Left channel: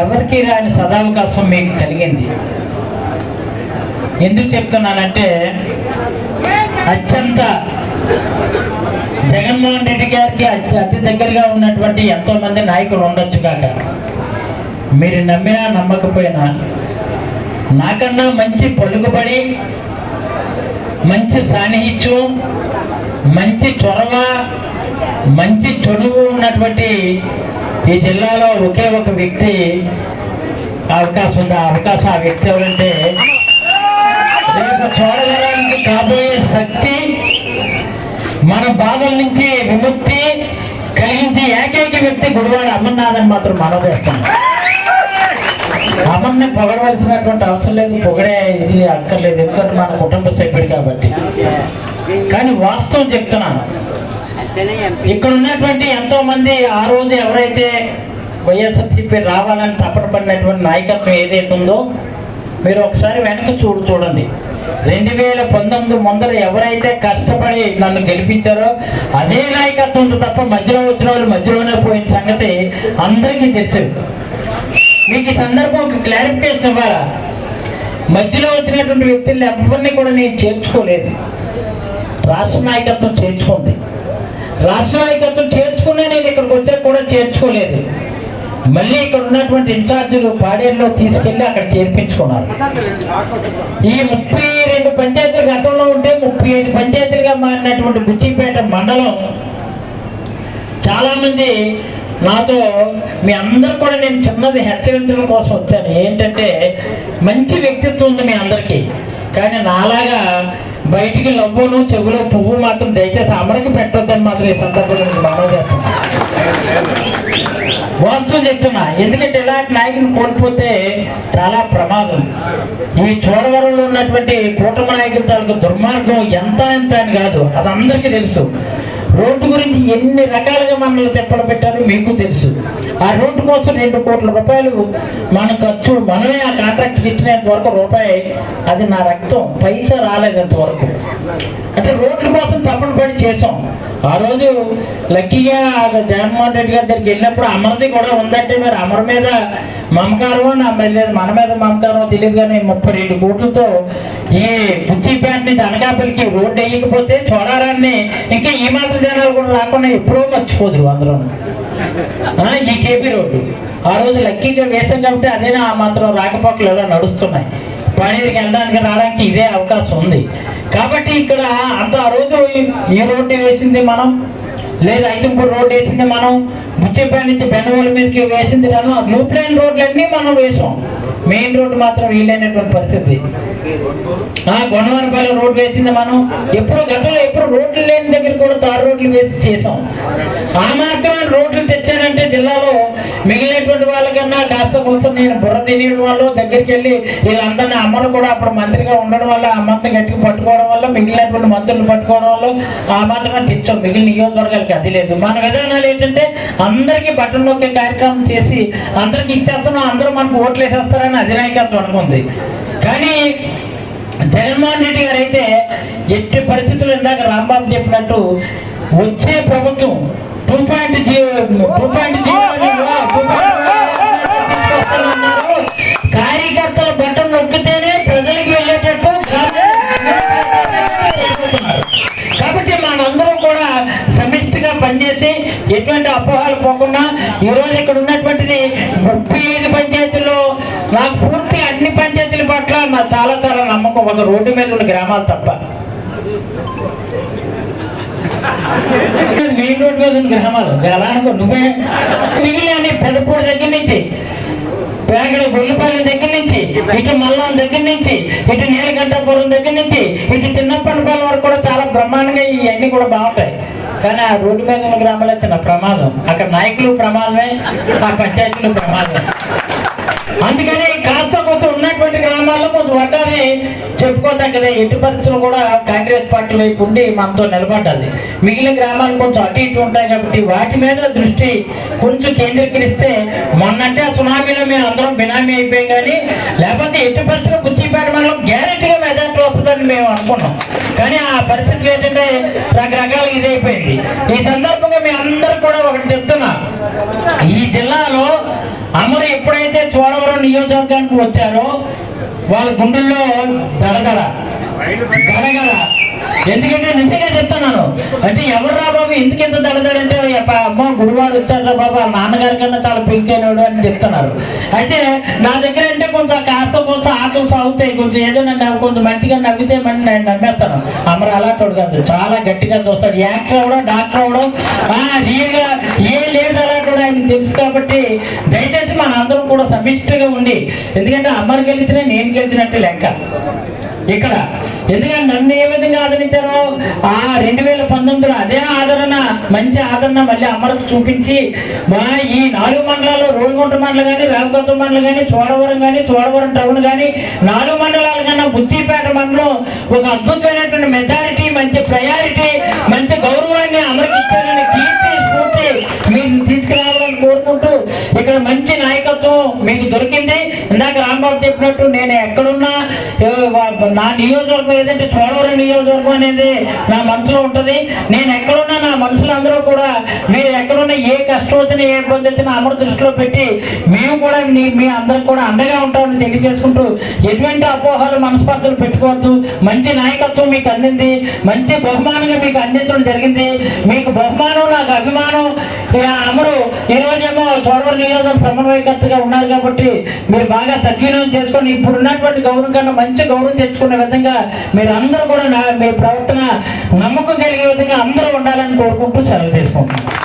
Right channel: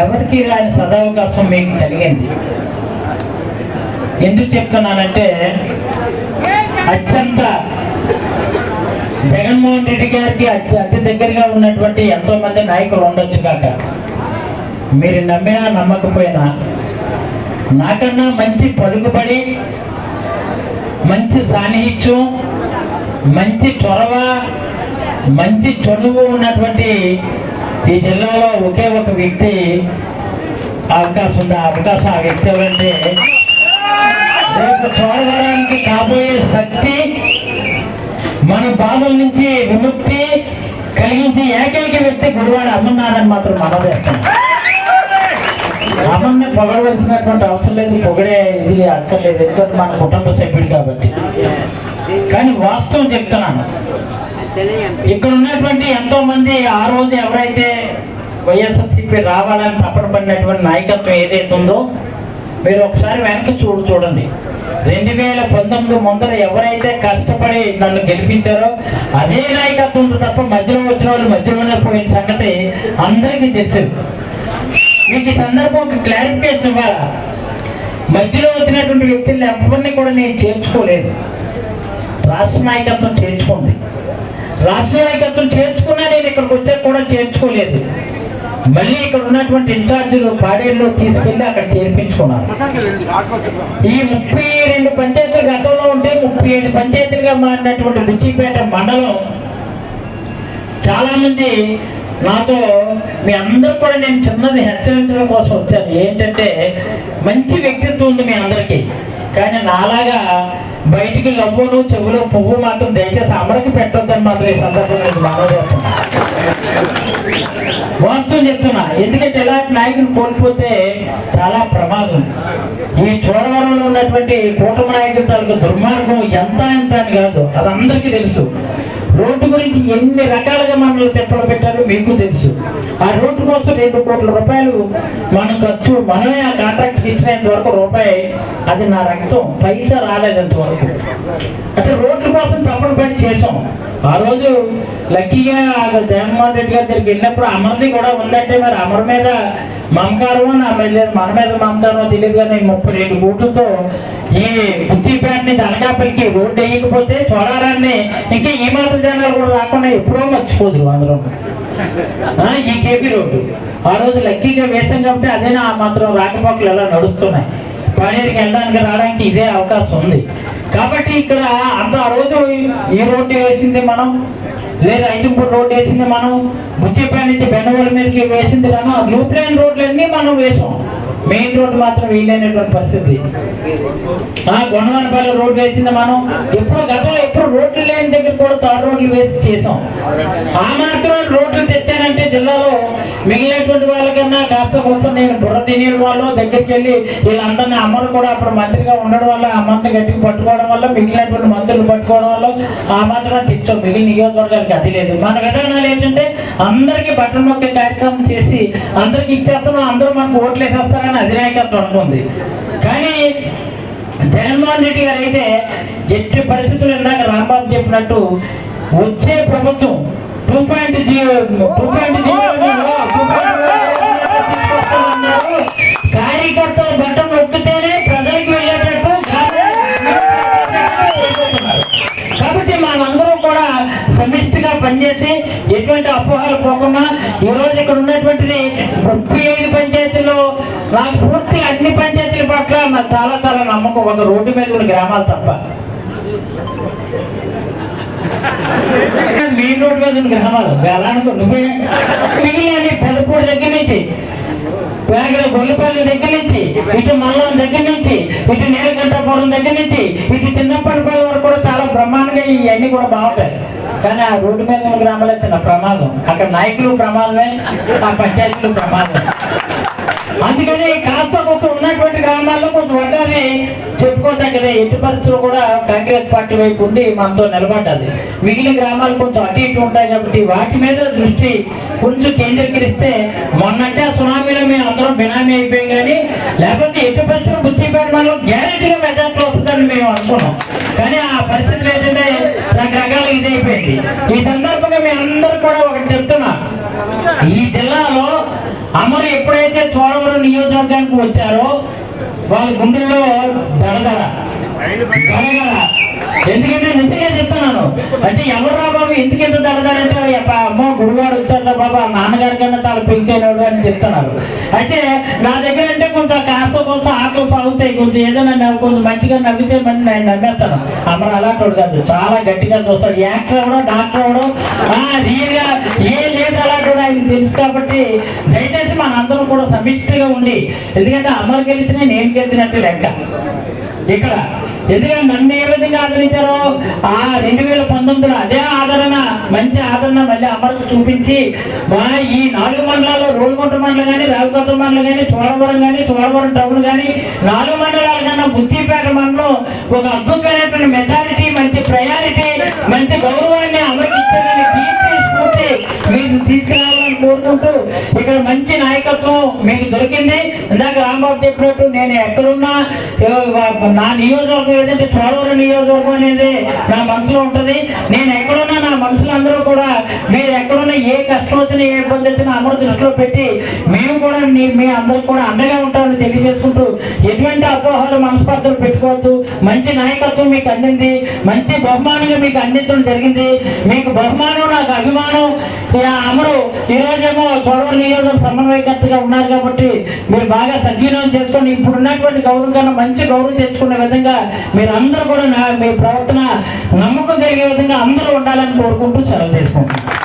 ఎవరికి రాని సదావకాశం మీకు కలిగింది. ఎందుకు చెప్తున్నానంటే అత్యంత జగన్మోహన్ రెడ్డి గారికి అతి అతి దగ్గరగా ఉన్నటువంటి ఎంతోమంది నాయకులు ఉండొచ్చు కాక. మీరు నమ్మినా నమ్మకపోయినా నాకన్నా మంచి పలుకుబడి మంచి సాన్నిహిత్యం మంచి చొరవ మంచి చొలువు ఉన్నటువంటి ఈ జిల్లాలో ఒకే ఒక వ్యక్తి అవకాశం ఉంది? ఆ అవకాశం ఆ వ్యక్తి ఎవరంటే రేపు చూడవరానికి కాబోయే శక్తి మన బాధల నుంచి విముక్తి కలిగించే ఏకైక వ్యక్తి గుడివాడ అమర్నాథ్ మాత్రం మనం చేస్తున్నాం అమ్మని పొగడవలసినటువంటి అవసరం లేదు పొగడే ఇది అక్కర్లేదు ఎందుకంటే మన కుటుంబ సభ్యుడు కాబట్టి. కానీ వాస్తవం చెప్తున్నాను. ఇక్కడ ఉన్నటువంటి ఎంతో మంది ఆ రోజు ఎవరైతే వైఎస్ఆర్సీపీ రావాలని తప్పన పడినటువంటి నాయకత్వం ఏదైతే ఉందో మీరు ఒకసారి వెనక్కి చూడు చూడండి. రెండు వేల పంతొమ్మిది ముందర ఎవరైతే కష్టపడి నన్ను గెలిపించారో అదే నాయకత్వం ఉంది తప్ప మధ్యలో వచ్చిన వాళ్ళు మధ్యలోనే పోయిన సంగతి అందరికీ తెలుసు. మీకు ఈ సందర్భం ఒక క్లారిఫికేషన్ ఇవ్వాలా? మధ్యలో వచ్చినటువంటి వ్యక్తుల్ని ఎవరిని కూడా నేను చేర్చుకోలేదు. రాష్ట్ర నాయకత్వం చేర్చుకుంది. రాష్ట్ర నాయకత్వం చేర్చుకున్నా నేను ఇక్కడికి వచ్చాక కూడా చేర్చుకోలేదు. మళ్ళీ ఇక్కడ ఉన్నటువంటి ఇన్ఛార్జీలు పాడేరులో తీసుకెళ్ళి అక్కడ చేర్పించుకున్నారు. ఈ ముప్పై రెండు పంచాయతీలు గతంలో ఉంటే ముప్పై ఐదు పంచాయతీలుగా మారినటువంటి బుచ్చిపేట మండలం చాలామంది నాతో మీ అందరు కూడా నేను చిన్నది హెచ్చరించడం కోసం వచ్చాను. ఏంటంటే మంచి వ్యక్తిత్వం ఉంది మీ అందరికీ. కానీ నాలాగా బయటికి నవ్వును చెవులో పువ్వు మాత్రం దయచేసి అమరకి పెట్టొద్దని మాత్రం ఈ సందర్భంగా బాగా చేస్తున్నా వాస్తవం చెప్తున్నా. ఎందుకంటే ఇలాంటి నాయకుని కోల్పోతే చాలా ప్రమాదం. ఈ చోడవరంలో ఉన్నటువంటి కూటమి నాయకుల తాలూకు దుర్మార్గం ఎంత ఎంత అని కాదు అది అందరికీ తెలుసు. రోడ్డు గురించి ఎన్ని రకాలుగా మనల్ని తెప్పలు పెట్టారో మీకు తెలుసు. ఆ రోడ్డు కోసం రెండు కోట్ల రూపాయలు మన ఖర్చు మనమే ఆ కాంట్రాక్ట్ ఇచ్చినంత వరకు రూపాయి అది నా రక్తం. పైసా రాలేదంత వరకు. అంటే రోడ్ల కోసం తప్పని పని చేసాం ఆ రోజు లక్కీగా జగన్మోహన్ రెడ్డి గారి దగ్గరికి వెళ్ళినప్పుడు అమర్ది కూడా ఉందంటే మరి అమర్ మీద మమకారం నా మీద మన మీద మమకారం తెలియదు కానీ ముప్పై రెండు కోట్లతో ఈ బుచ్చిపేట నుంచి అనకాపల్లికి రోడ్డు వేయకపోతే చూడాలని ఇంకా ఈ మాత్రం జనాలు కూడా రాకుండా ఎప్పుడో మర్చిపోదు అందరూ. ఈ కేపీ రోడ్డు. ఆ రోజు లక్కీగా వేసాం కాబట్టి అదేనా ఆ మాత్రం రాకపోకలు ఎలా నడుస్తున్నాయి? పాడేరుకి వెళ్ళడానికి రావడానికి ఇదే అవకాశం ఉంది. కాబట్టి ఇక్కడ అంత ఆ రోజు ఈ రోడ్డు వేసింది మనం. లేదా ఐదుపూర్ రోడ్డు వేసింది మనం బుచ్చిపేట నుంచి బెంగళూరు మీదకి వేసింది మనం లూప్ లైన్ రోడ్లన్నీ మనం వేసాం. మెయిన్ రోడ్డు మాత్రం వీలైనటువంటి పరిస్థితి. ఆ గొడవనపల్లి రోడ్డు వేసింది మనం. ఎప్పుడు గతంలో ఎప్పుడు రోడ్లు లేని దగ్గర కూడా తారు రోడ్లు వేసి చేసాం. ఆ మాత్రం రోడ్లు తెచ్చానంటే జిల్లాలో వాళ్ళకన్నా కాస్త కోసం నేను బుర్ర తినే వాళ్ళు దగ్గరికి వెళ్ళి వీళ్ళందరినీ అమ్మను కూడా అప్పుడు మంత్రిగా ఉండడం వల్ల అమ్మని గట్టిగా పట్టుకోవడం వల్ల మిగిలినటువంటి మంత్రులు పట్టుకోవడం వల్ల ఆ మాత్రం తెచ్చాం. మిగిలిన నియోజకవర్గాలకి అది లేదు. మన విధానాలు ఏంటంటే అందరికీ బట్టలు మొక్కే కార్యక్రమం చేసి అందరికి ఇచ్చేస్తున్నాం అందరూ మనకు ఓట్లు వేసేస్తారని అధినాయకత్వం అనుకుంది. కానీ జగన్మోహన్ రెడ్డి గారు అయితే ఎట్టి పరిస్థితులు ఇందాక రాంబాబు చెప్పినట్టు వచ్చే ప్రభుత్వం two point zero two point zero ఈ రోజు ఇక్కడ ఉన్నటువంటిది ముప్పై ఐదు పంచాయతీల్లో నాకు పూర్తి అన్ని పంచాయతీల పట్ల నాకు చాలా చాలా నమ్మకం. ఒక రోడ్డు మీద ఉన్న గ్రామాలు తప్ప. మెయిన్ రోడ్ మీద ఉన్న గ్రామాలు. ఎలా అనుకో నువ్వే. మిగిలిన పెదపూడి దగ్గర నుంచి పేగల గొల్లిపల్లి దగ్గర నుంచి ఇటు మల్లం దగ్గర నుంచి ఇటు నీలకంఠపురం దగ్గర నుంచి ఇటు చిన్నప్పటిపల్లి వరకు కూడా చాలా బ్రహ్మాండంగా ఇవన్నీ కూడా బాగుంటాయి. కానీ ఆ రోడ్డు మీద ఉన్న గ్రామాలే చిన్న ప్రమాదం. అక్కడ నాయకులు ప్రమాదమే ఆ పంచాయతీలు ప్రమాదమే ఈ కాస్త కొంచెం ఉన్నటువంటి గ్రామాల్లో కొంచెం వడ్డాన్ని చెప్పుకోదగ్గది. ఎట్టి పరిస్థితులు కూడా కాంగ్రెస్ పార్టీ వైపు ఉండి మనతో నిలబడ్డది. మిగిలిన గ్రామాలు కొంచెం అటు ఇటు ఉంటాయి కాబట్టి వాటి మీద దృష్టి కొంచెం కేంద్రీకరిస్తే మొన్నంటే ఆ సునామీలో మేము అందరం బినామీ అయిపోయాం కానీ లేకపోతే ఎట్టి పరిస్థితులు బుచ్చిపేట మనం గ్యారెంటీగా మెజార్టీ వస్తుందని మేము అనుకున్నాం కానీ ఆ పరిస్థితులు ఏంటంటే ఈ సందర్భంగా మీ అందరు కూడా ఒకటి చెప్తున్నా. ఈ జిల్లాలో అమరు ఎప్పుడైతే చోడవరం నియోజకవర్గానికి వచ్చారో వాళ్ళ గుండెల్లో దడదడ. దడగడ ఎందుకంటే నిజంగా చెప్తున్నాను అంటే ఎవరురా బాబు ఎందుకు ఎంత దడదాడంటే అమ్మ గురువాడు వచ్చారా బాబు ఆ నాన్నగారి కన్నా చాలా పింక్ అని చెప్తున్నారు. అయితే నా దగ్గర అంటే కొంత కాస్త నవ్వుతాయి కొంచెం ఏదైనా నవ్వు- కొంచెం మంచిగా నవ్వితే మరి నేను నమ్మేస్తాను అమరు అలాంటి కాదు చాలా గట్టిగా చూస్తాడు. యాక్టర్ అవ్వడం డాక్టర్ అవ్వడం రియల్గా ఏ లేదు అలాంటి ఆయనకు తెలుసు కాబట్టి దయచేసి మన అందరం కూడా సమిష్టిగా ఉండి ఎందుకంటే అమరు గెలిచిన నేను గెలిచినట్టు లెక్క. ఇక్కడ ఎందుకంటే నన్ను ఏ విధంగా ఆదరించారో ఆ రెండు వేల మంచి ఆదరణ మళ్ళీ అమరకు చూపించి మా ఈ నాలుగు మండలాలు రోడ్గుంట మండలం కానీ రావుకోత మండలం కానీ చోడవరం కానీ చోడవరం టౌన్ కానీ నాలుగు మండలాల కన్నా బుచ్చిపేట మండలం ఒక అద్భుతమైనటువంటి మెజారిటీ మంచి ప్రయారిటీ మంచి గౌరవాన్ని అమరికి ఇచ్చారని కీర్తి స్ఫూర్తి మీరు తీసుకెళ్ళాలని కోరుకుంటూ ఇక్కడ మంచి నాయకత్వం మీకు దొరికింది. ఇందాక రాంబాబు చెప్పినట్టు నేను ఎక్కడున్నా నా నియోజకవర్గం ఏదంటే చోడవరం నియోజకవర్గం అనేది నా మనసులో ఉంటుంది. నేను ఎక్కడ నా మనసులో అందరూ కూడా మీరు ఎక్కడున్నా ఏ కష్టం వచ్చినా ఏ ఇబ్బంది వచ్చినా అమరు దృష్టిలో పెట్టి మేము కూడా మీ మీ అందరికి కూడా అండగా ఉంటామని తెలియజేసుకుంటూ ఎటువంటి అపోహలు మనస్పర్ధలు పెట్టుకోవద్దు. మంచి నాయకత్వం మీకు అందింది. మంచి బహుమానంగా మీకు అందించడం జరిగింది. మీకు బహుమానం నాకు అభిమానం. అమరు ఈరోజేమో రోజేమో చోడవరం నియోజకవర్గం సమన్వయకర్తగా ఉన్నారు కాబట్టి మీరు బాగా సద్వినియోగం చేసుకొని ఇప్పుడు ఉన్నటువంటి గౌరవం కన్నా మంచి గౌరవం తెచ్చుకునే విధంగా మీరు అందరూ కూడా నా మీ ప్రవర్తన నమ్మకం కలిగే విధంగా అందరూ ఉండాలని కోరుకుంటూ సెలవు తీసుకుంటున్నాను.